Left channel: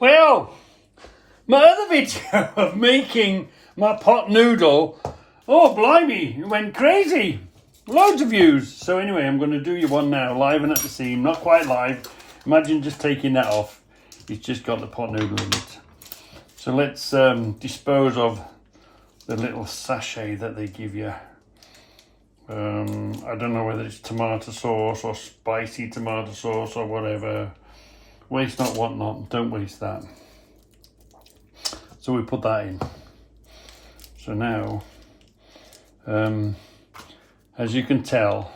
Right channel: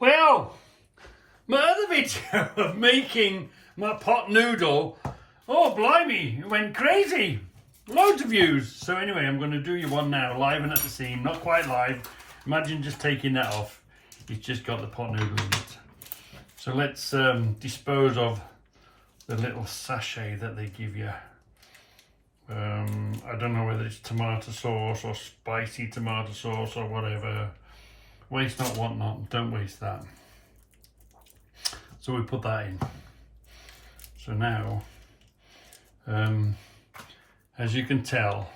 Well, my other video of making my pot noodle, oh blimey, it went crazy. Loads of views. So anyway, I'm going to do you one now, live and at the seam. Not quite live. Imagine just taking that off. It's just got the pot noodle in it. So let's dispose of the little sachet that they give you. I don't know whether it's tomato sauce or spicy tomato sauce or whatever. Waste not, want not. Don't waste that. So we put that in. So now, as you can tell,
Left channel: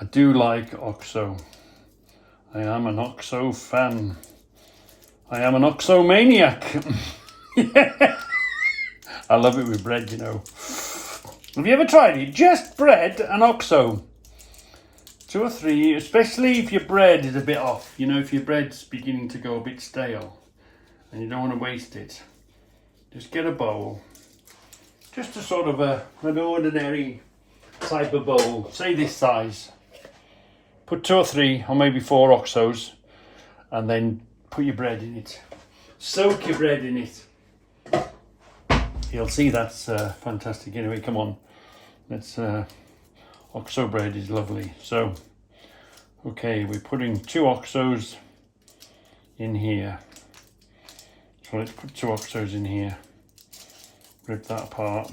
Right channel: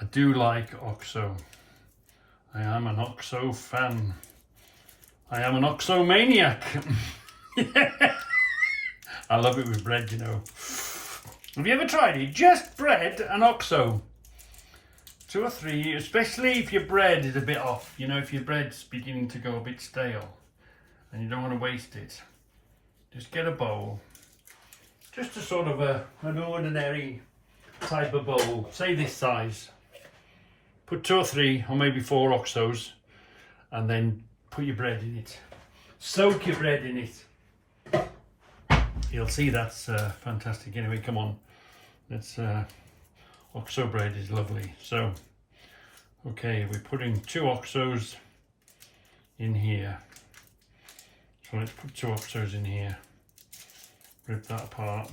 I do like OXO. I am an OXO fan. I am an OXO maniac. Yeah. I love it with bread, you know. Have you ever tried it? Just bread and OXO. 2 or 3, especially if your bread is a bit off. You know, if your bread's beginning to go a bit stale and you don't want to waste it. Just get a bowl. Just a sort of an ordinary type of bowl. Say this size. Put 2 or 3 or maybe 4 OXOs and then put your bread in it. Soak your bread in it. You'll see that's fantastic. Anyway, come on. Let's OXO bread is lovely. So, okay, we're putting 2 OXOs in here. So let's put 2 OXOs in here. Rip that apart.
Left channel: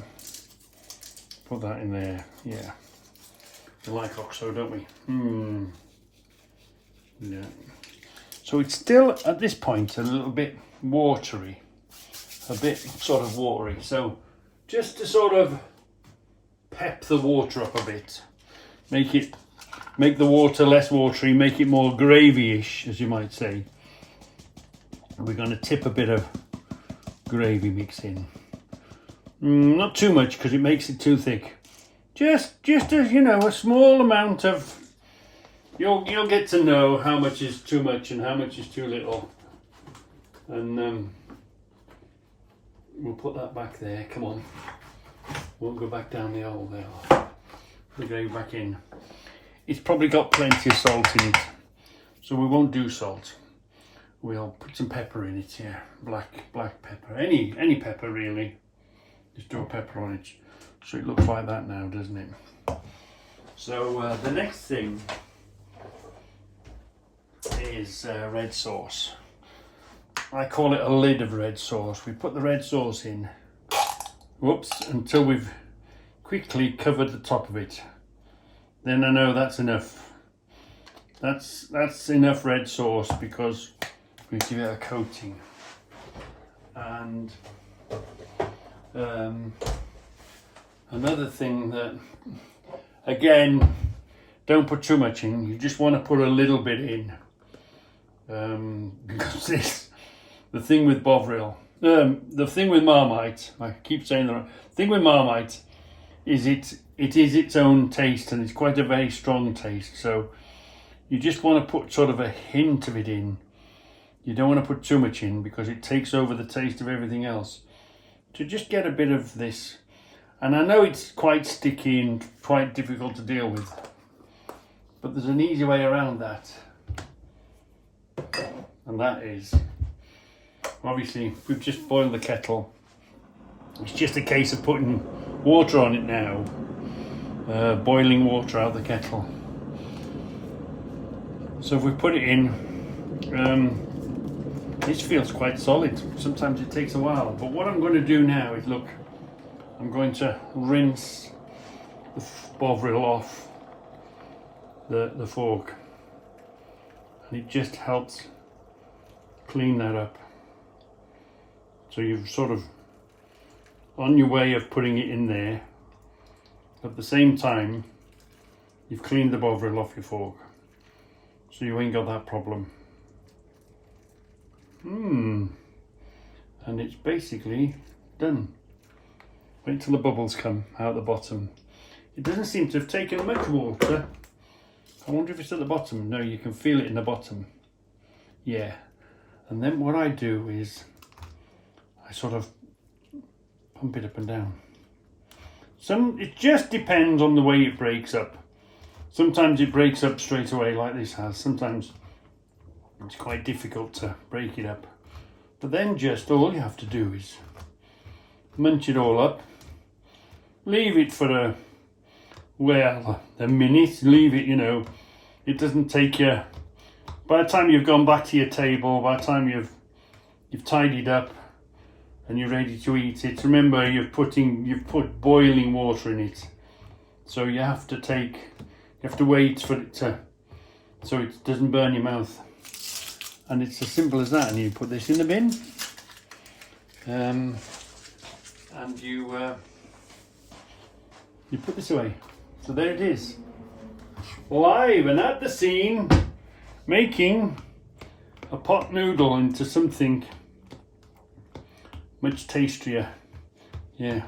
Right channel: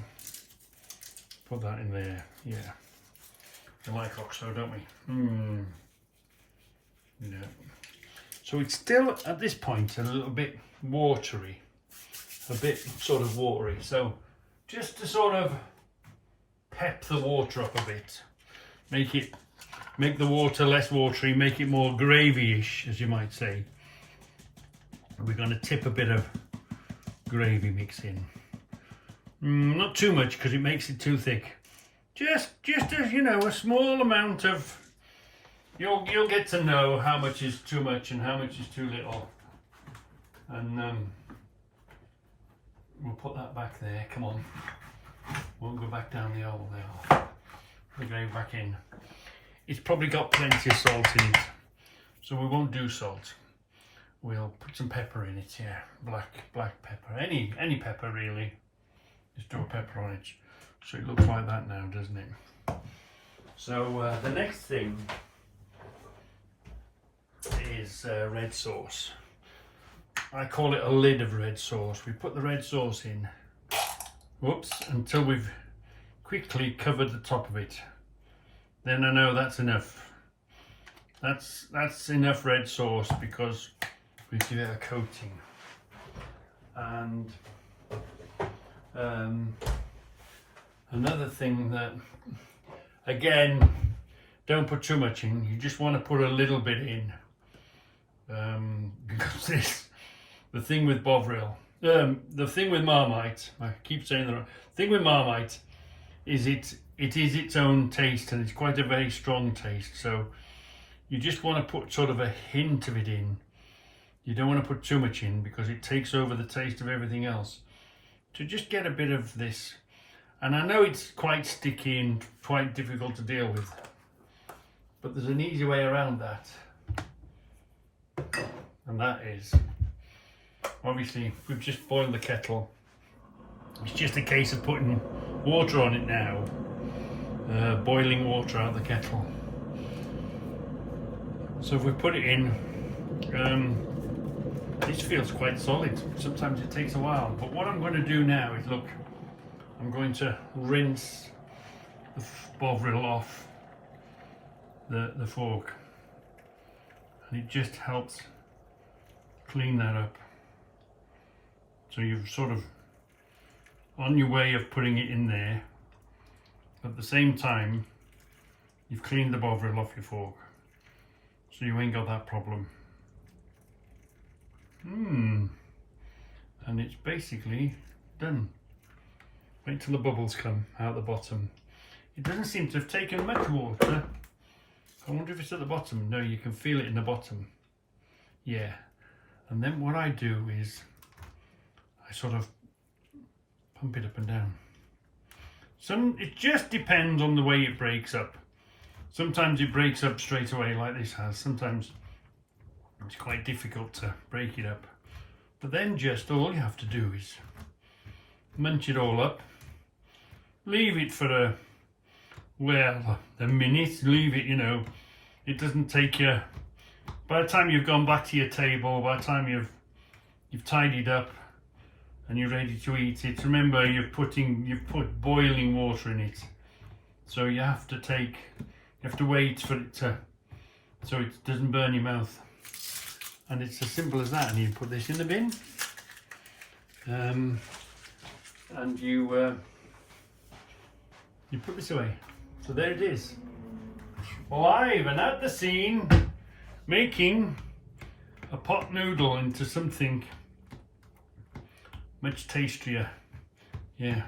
Put that in there. Yeah. We like OXO, don't we? Yeah. So it's still, at this point, a little bit watery. A bit sort of watery. So just to sort of pep the water up a bit. Make the water less watery, make it more gravy-ish, as you might say. We're going to tip a bit of gravy mix in. Not too much because it makes it too thick. Just as you know, a small amount of. You'll get to know how much is too much and how much is too little. And we'll put that back there. Come on. Won't go back down the hole there. We're going back in. It's probably got plenty of salt in it, so we won't do salt. We'll put some pepper in it here. Black pepper. Any pepper really. Just do a pepper on it. So it looks like that now, doesn't it? So the next thing is red sauce. I call it a lid of red sauce. We put the red sauce in, until we've quickly covered the top of it. Then I know that's enough. That's enough red sauce because we give it a coating. And another thing that, again, don't put too much in. You just want to put a little bit in. Because the thing with Bovril, the thing with Marmite, I keep saying the thing with Marmite is it is its own taste, and it's quite a very strong taste. So you just want to put sort of a hint of it in. You don't want to put too much in because it takes over the taste of everything else. To just get a bit of this. And I know it's quite sticky and quite difficult to deal with, but there's an easy way around that. And that is, obviously, we've just boiled the kettle. It's just a case of putting water on it now. Boiling water out of the kettle. So if we put it in, this feels quite solid. Sometimes it takes a while. But what I'm going to do now is, look, I'm going to rinse the Bovril off the fork. And it just helps clean that up. So you've sort of on your way of putting it in there. At the same time, you've cleaned the Bovril off your fork. So you ain't got that problem. And it's basically done. Wait till the bubbles come out the bottom. It doesn't seem to have taken much water. I wonder if it's at the bottom. No, you can feel it in the bottom. Yeah. And then what I do is I sort of pump it up and down. It just depends on the way it breaks up. Sometimes it breaks up straight away like this has. Sometimes it's quite difficult to break it up. But then just all you have to do is munch it all up, leave it for a minute, leave it, you know, it doesn't take you, by the time you've gone back to your table, by the time you've tidied up and you're ready to eat it, remember you've put boiling water in it, so you have to wait for it to, so it doesn't burn your mouth. And it's as simple as that. And you put this in the bin, and you put this away. So there it is, live and at the scene, making a pot noodle into something much tastier. Yeah.